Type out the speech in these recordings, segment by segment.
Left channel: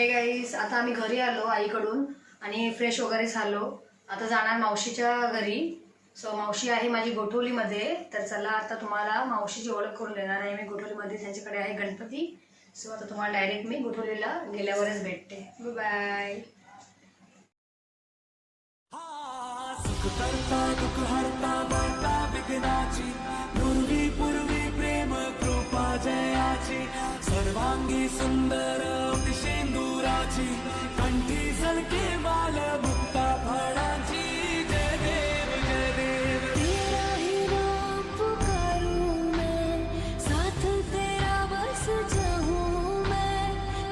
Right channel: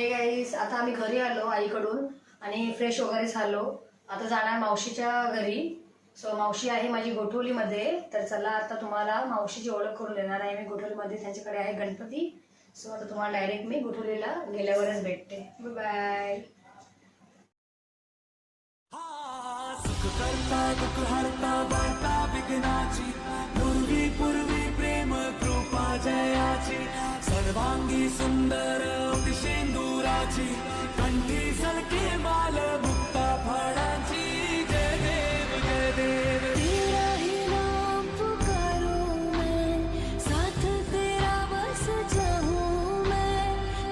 Hey guys, आता आम्ही घरी आलो आईकडून आणि फ्रेश वगैरे झालो. आता जाणार मावशीच्या घरी. सो मावशी आहे माझी गोठवलीमध्ये. तर चला आता तुम्हाला मावशीची ओळख करून देणार आहे मी गोठवलीमध्ये. त्यांच्याकडे आहे गणपती. सो आता तुम्हाला डायरेक्ट मी गोठवलीला गेल्यावरच भेटते. Bye bye. सुख करता दुःख हरता वार्ता विघ्नाची पूर्वी पूर्वी प्रेम कृपा जयाची सर्वांगी सुंदर शेंदुराची कंठी सलके बाल मुक्ता फळाची. जय देव जय देव. तेरा ही नाम पुकारूं मैं, साथ तेरा बस चाहूं मैं.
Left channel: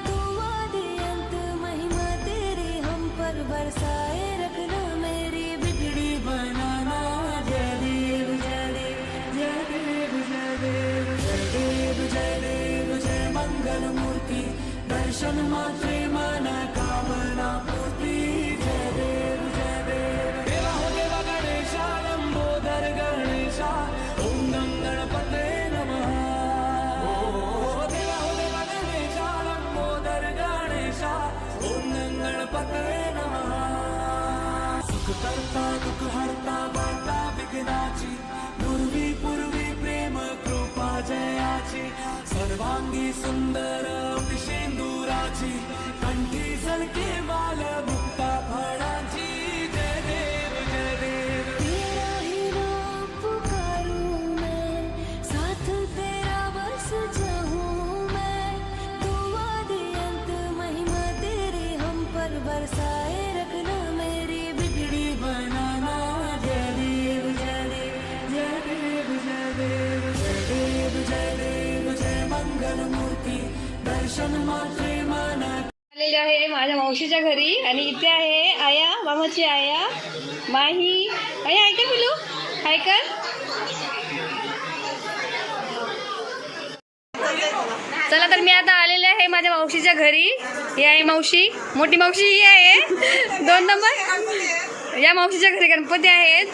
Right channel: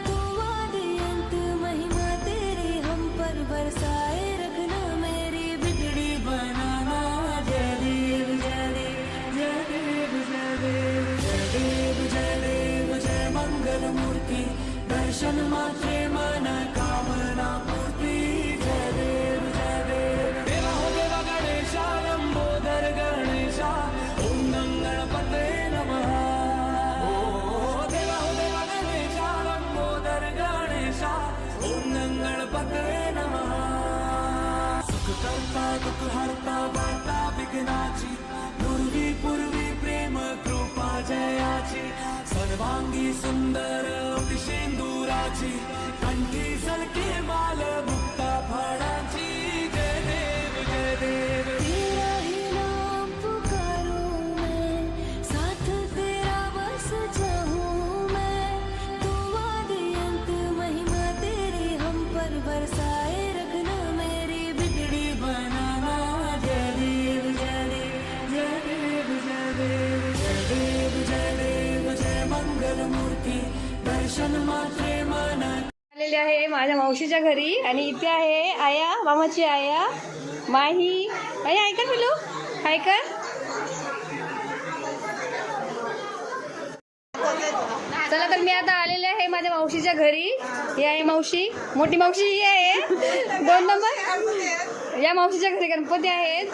तुम आदि अंत महिमा तेरी हम पर बरसाए रखना मेरी बिगड़ी बनाना. जय देव जय देव जय देव जय देव जय देव जय देव जय मंगल मूर्ति दर्शन मात्रे मन कामना पूर्ति. जय देव जय देव. देवा हो देवा गणेशा लंबोदर गणेशा ओम गणपते नमः. देवा हो देवा गणेशा लंबोदर गणेशा ओम गणपते नमः. सुख करता दुःख हरता वार्ता विघ्नाची पूर्वी पूर्वी प्रेम कृपा जयाची सर्वांगी सुंदर शेंदुराची कंठी सलके बाल मुक्ता फळाची. जय देव जय देव. तेरा ही नाम पुकारूं मैं, साथ तेरा बस चाहूं मैं. तुम आदि अंत महिमा तेरी हम पर बरसाए रखना मेरी बिगड़ी बनाना. जय देव जय देव जय देव जय देव जय देव जय देव जय मंगल मूर्ति दर्शन मात्रे मन. आलेले आहे माझ्या मावशीच्या घरी आणि इथे आहे आया, मामाची आया माही. आया ऐका पिलू, काय कर. चला तर मी आता आलेले आहे माझ्या मावशीच्या घरी. ही आहे मावशी, मोठी मावशी ही आहे 2 नंबर. या मावशीच्या घरी गणपती आहेत.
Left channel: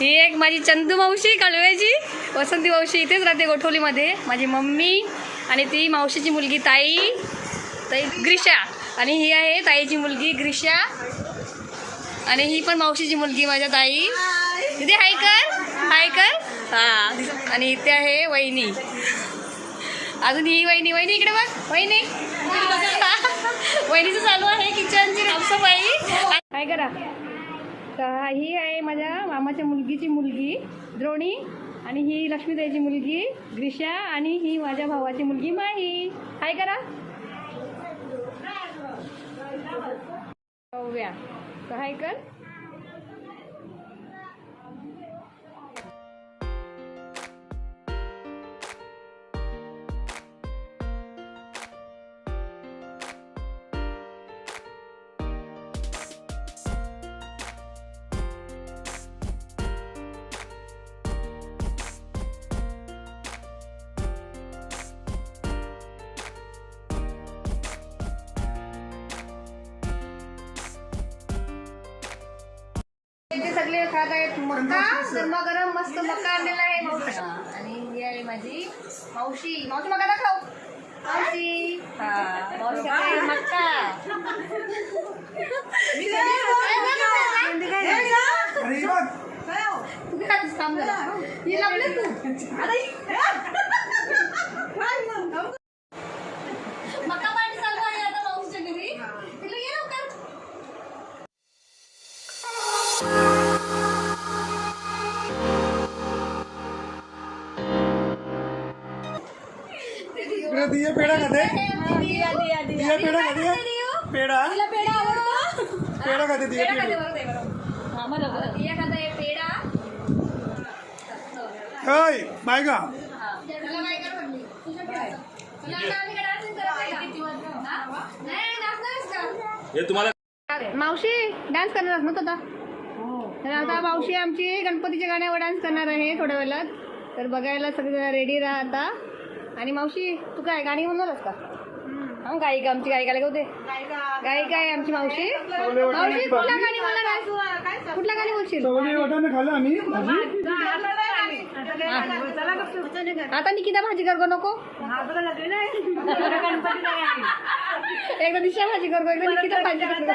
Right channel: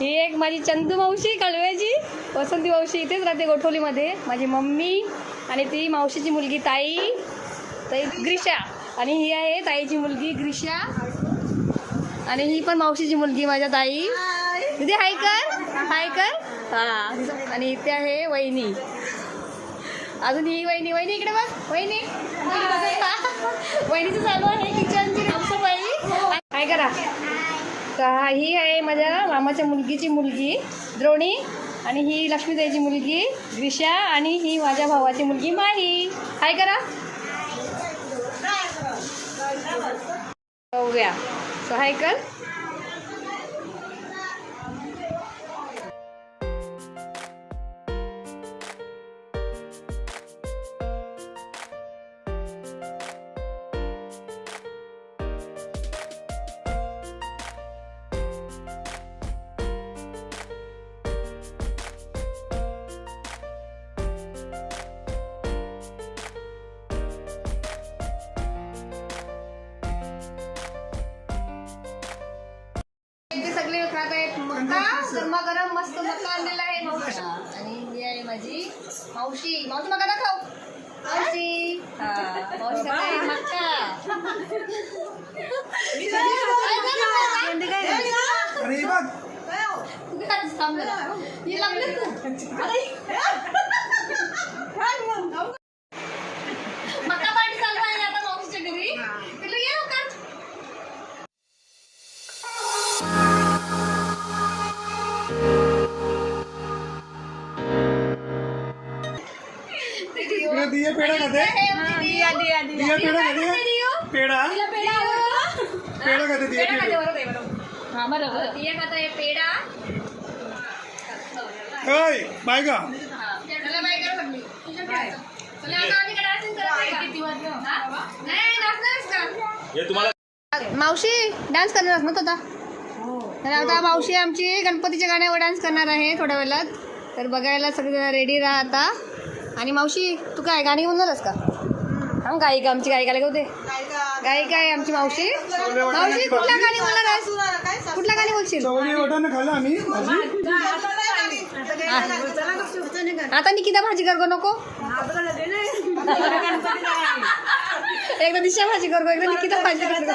ही एक माझी चंदू मावशी कळव्याची, वसंती मावशी इथेच राहते गोठवलीमध्ये. माझी मम्मी आणि ती मावशीची मुलगी ताई ग्रीषा. आणि ही आहे ताईची मुलगी ग्रीषा. आणि ही पण मावशीची मुलगी माझ्या ताई. तिथे हाय कर हां. आणि इथे आहे वहिनी. अजून ही वहिनी इकडे बघ. वहिनी वहिनीचं चालू आहे किचनची साफसफाई. काय करा. ही आहे माझ्या मामाच्या मुलगीची मुलगी द्रोणी. आणि ही लक्ष्मीताईची मुलगी ग्रीषा. आणि ही माझ्या भावाची मुलगी माही. हाय करा. ओव्या. सो हाय कर. इथे सगळे खात आहेत मक्का. गरम मस्त मक्का आणलेला आहे. आणि ही आहे माझी मावशी. मावशी मक्का दाखव. मावशी मावशी खाते मक्का. मक्का पार्टी चालू आहे आता मावशीच्या घरी. तुला ये का. दिया पेड़ा खाते. दिया पेड़ा खाते. पेड़ा पेड़ा खाते. दिया पेड़ा. हाय बाय का. मावशी डान्स करणार मग आता. तर आता मावशी आमची गणपतीच्या गाण्यावर डान्स करणार आहे थोड्या वेळात. तर बघायला सगळं रेडी राहा आता. आणि मावशी तू काय गाणी म्हणणारच का. गायिका आमची गायिकाला होते. गायिका आहे आमची मावशी. मावशी कुठला गाणी बोलणार आहेस. कुठला गाणी बोलशील. खाल्लं आम्ही. आता निकिता भाजी कर नको. एकदा दिशा भाजी करतो, एकदा निकिता भाजी करतो.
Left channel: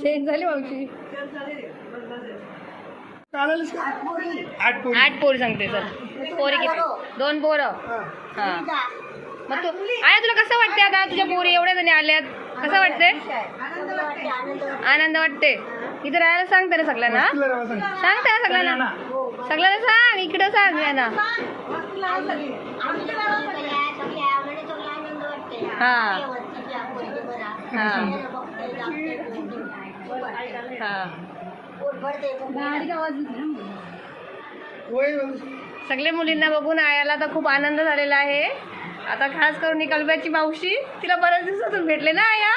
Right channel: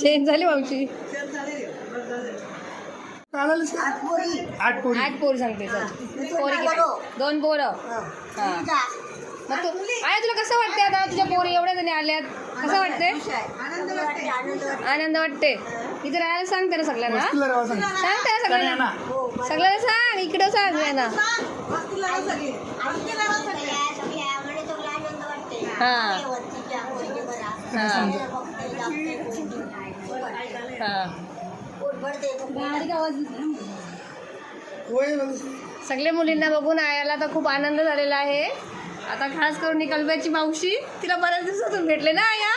चेंज झाली मावशी. चालेल का? 8 पोरी. 8 पोरी सांगते सर. पोरी किती? 2 पोरं. हा. मग तू आया तुला कसं वाटते आता तुझ्या पोरी एवढ्या जणी आल्यात, कसं वाटते? आनंद वाटते. इथे राहायला सांगते ना सगळ्यांना, तिला राहा सांग. सांगते ना सगळ्यांना, सगळ्यांना सांग, इकडं सांग यांना. हा हा हा. होय बघ. सगळ्या मुलींना बघून आयाला तर खूप आनंद झालेला आहे. आता खास करून ही कलब्याची मावशी, तिला बऱ्याच दिवसातून भेटले ना आया.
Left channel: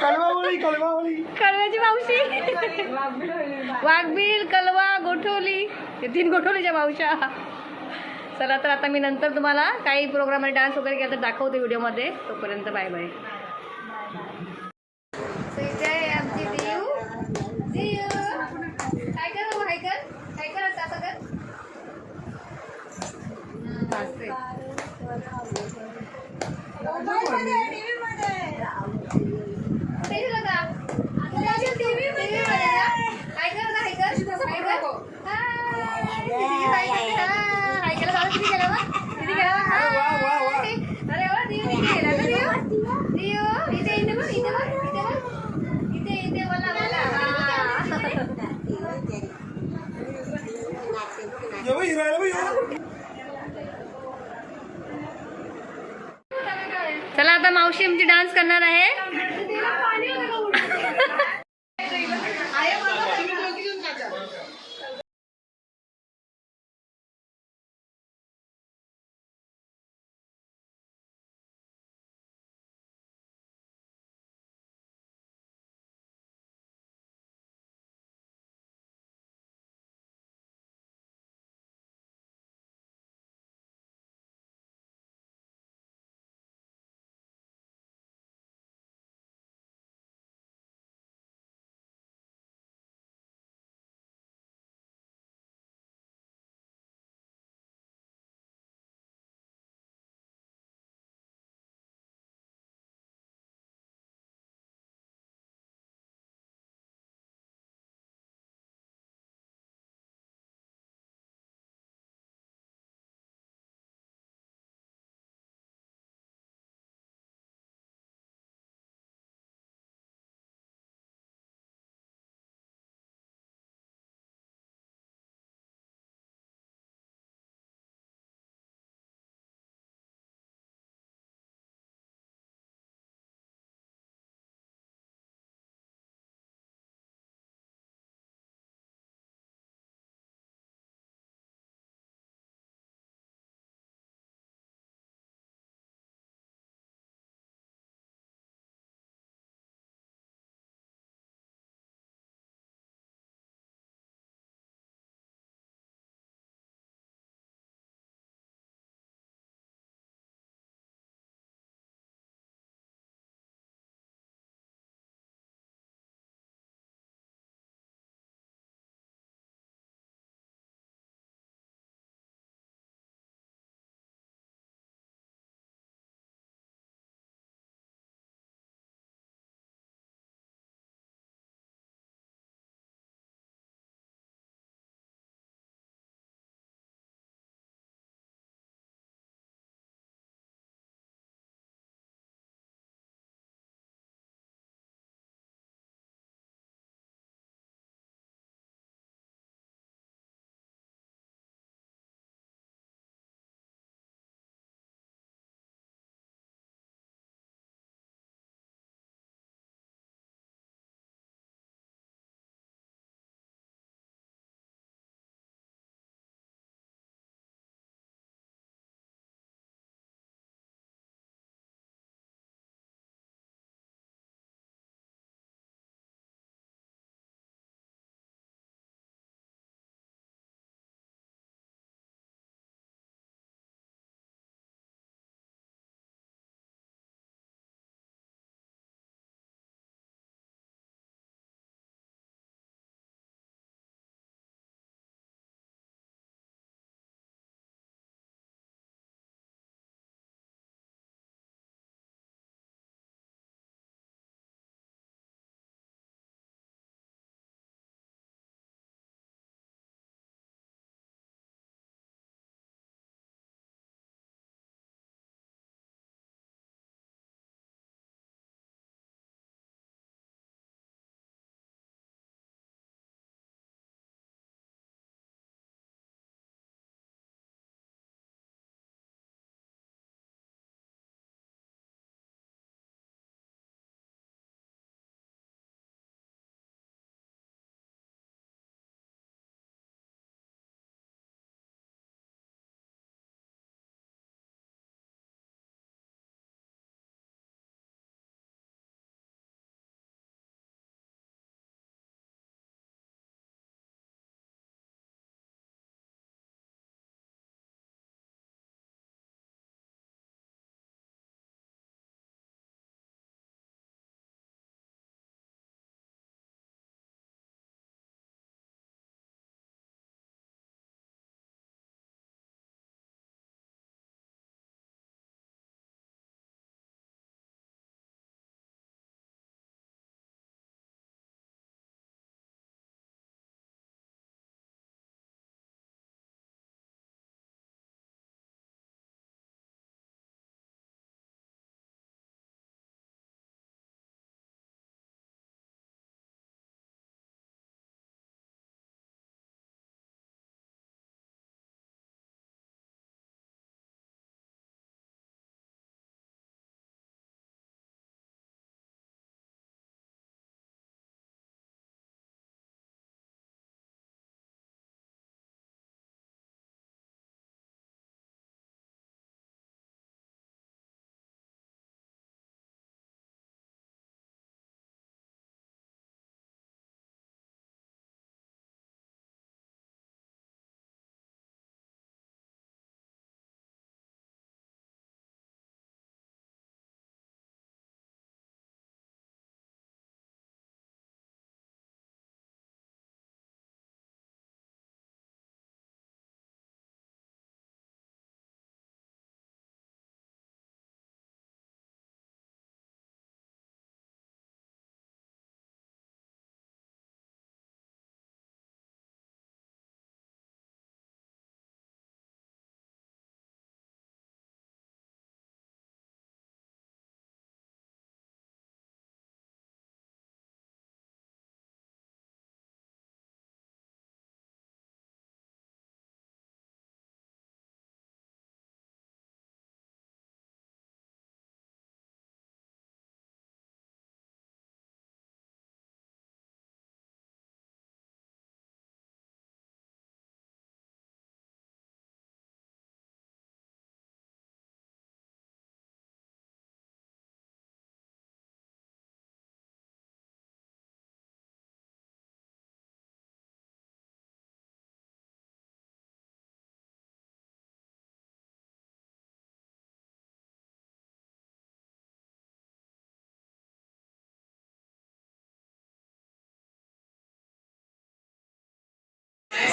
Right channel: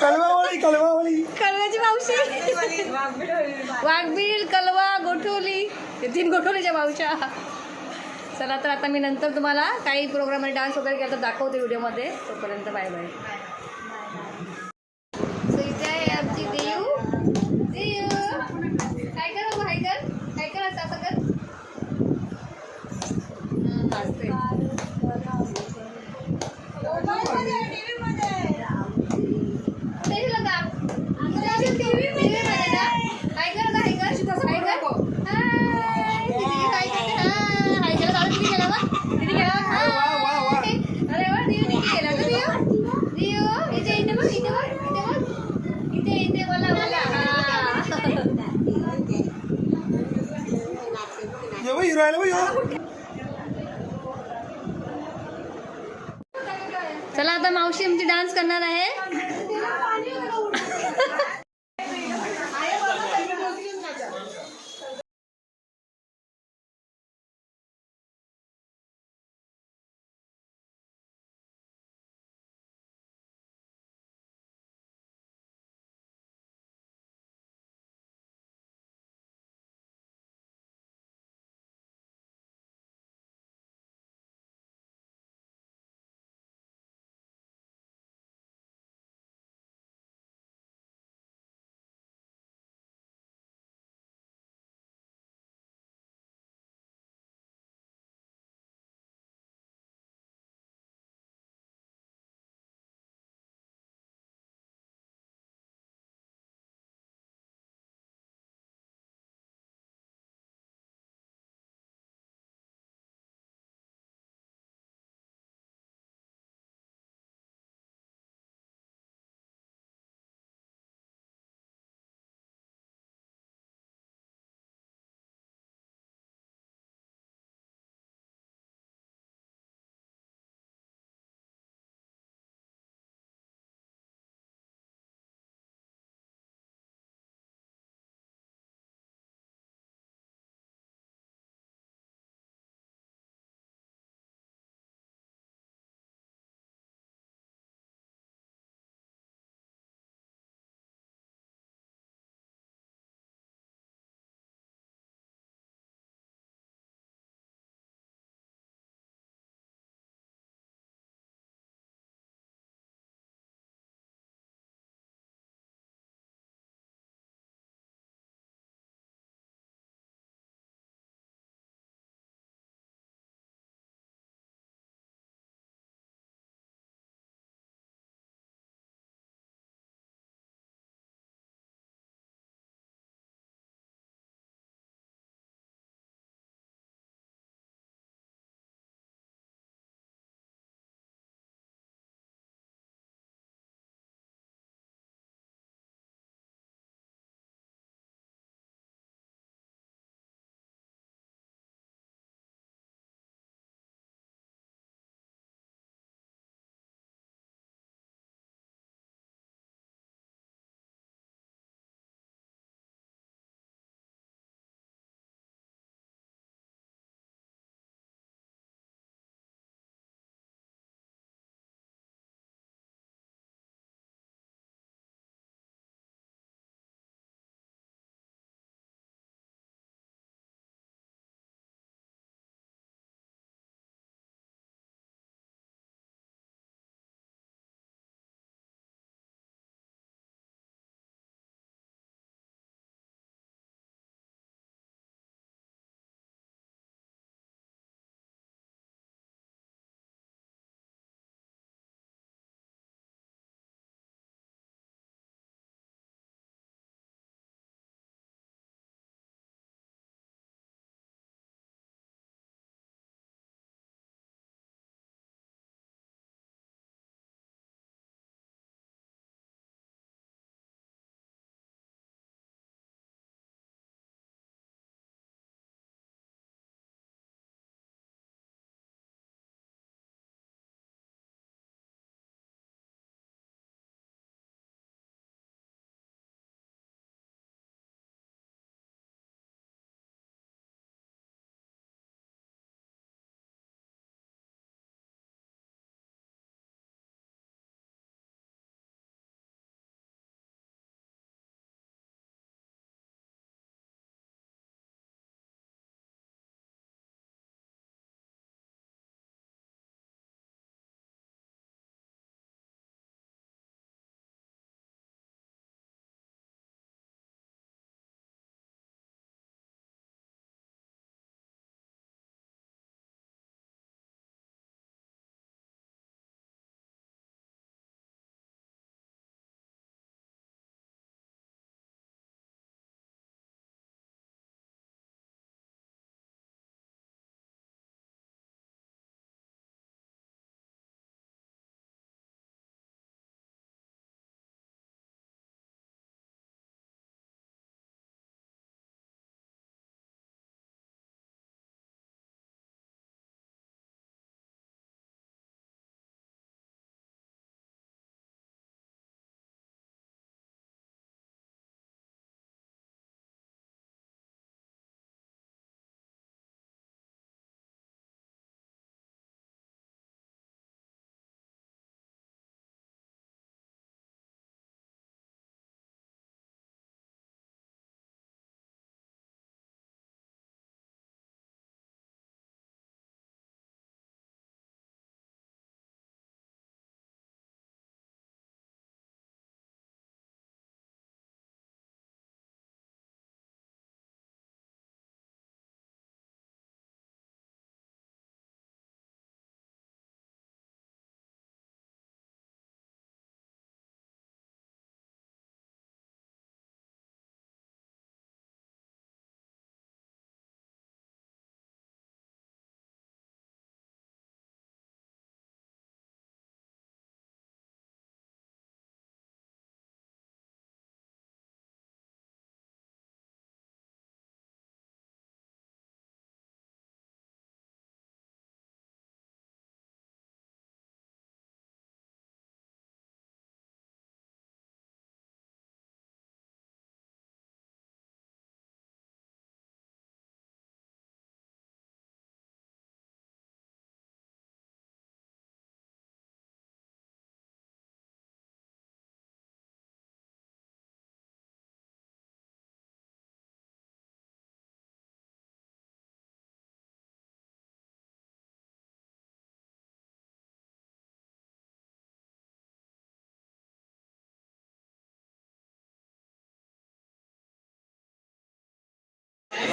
कलवावळी कलब्याची मावशी, वाघबीळ, कलवा, गोठवली, हे 3 गोठवलीच्या मावशा. चला तर आता मी नंतर तुम्हाला काही प्रोग्राममध्ये डान्स वगैरे केला तर दाखवते व्हिडिओमध्ये. तोपर्यंत बाय बाय. इथे आहे आमची देऊ. देऊ काय कर बाबा, काय कर असं कर. असते चला आता मावशी आमची डान्स करणार आहे.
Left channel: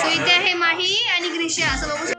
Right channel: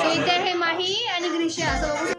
सो इथे आहे माही आणि ग्रीष्या असं बघू शकतो.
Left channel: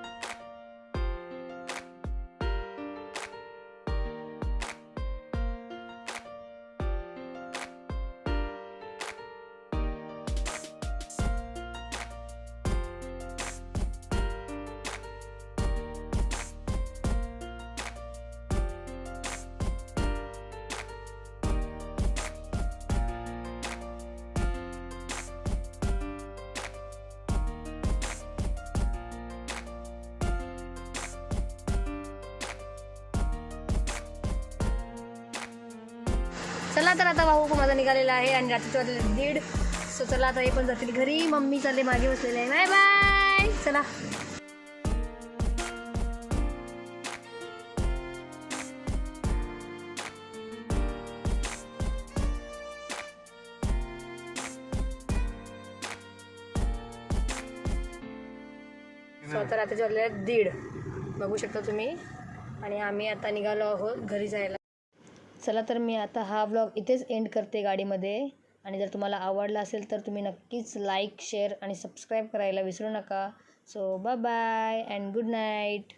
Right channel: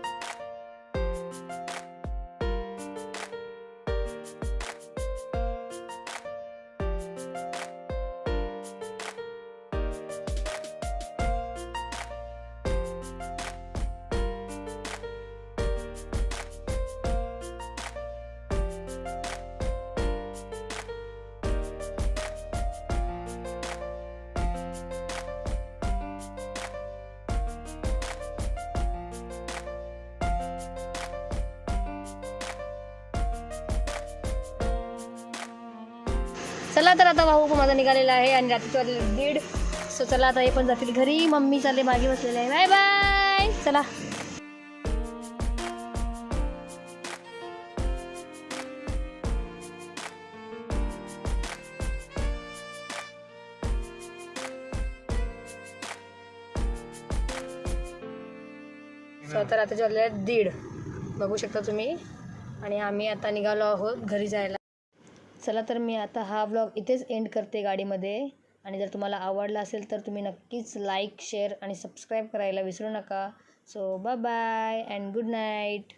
चला तर आता भाऊ माझा निघालेला आहे आणि रात्रीचे वाजले 1:30. सो चला आता हे पण जातील घरी. मम्मी चालले मागे बसलेले आहे. Bye bye. चला सो आता रात्रीचे वाजले 1:30 बघू शकता तुम्ही. आणि आम्ही आता निघालो आहोत घरी जायला. चला तर मी आता हा व्लॉग इथेच एंड करते गाडीमध्ये. आणि जर तुम्हाला आवडला असेल तर तुम्ही नक्कीच लाईक शेअर आणि सबस्क्राईब करायला विसरू नका. So bye bye and good night.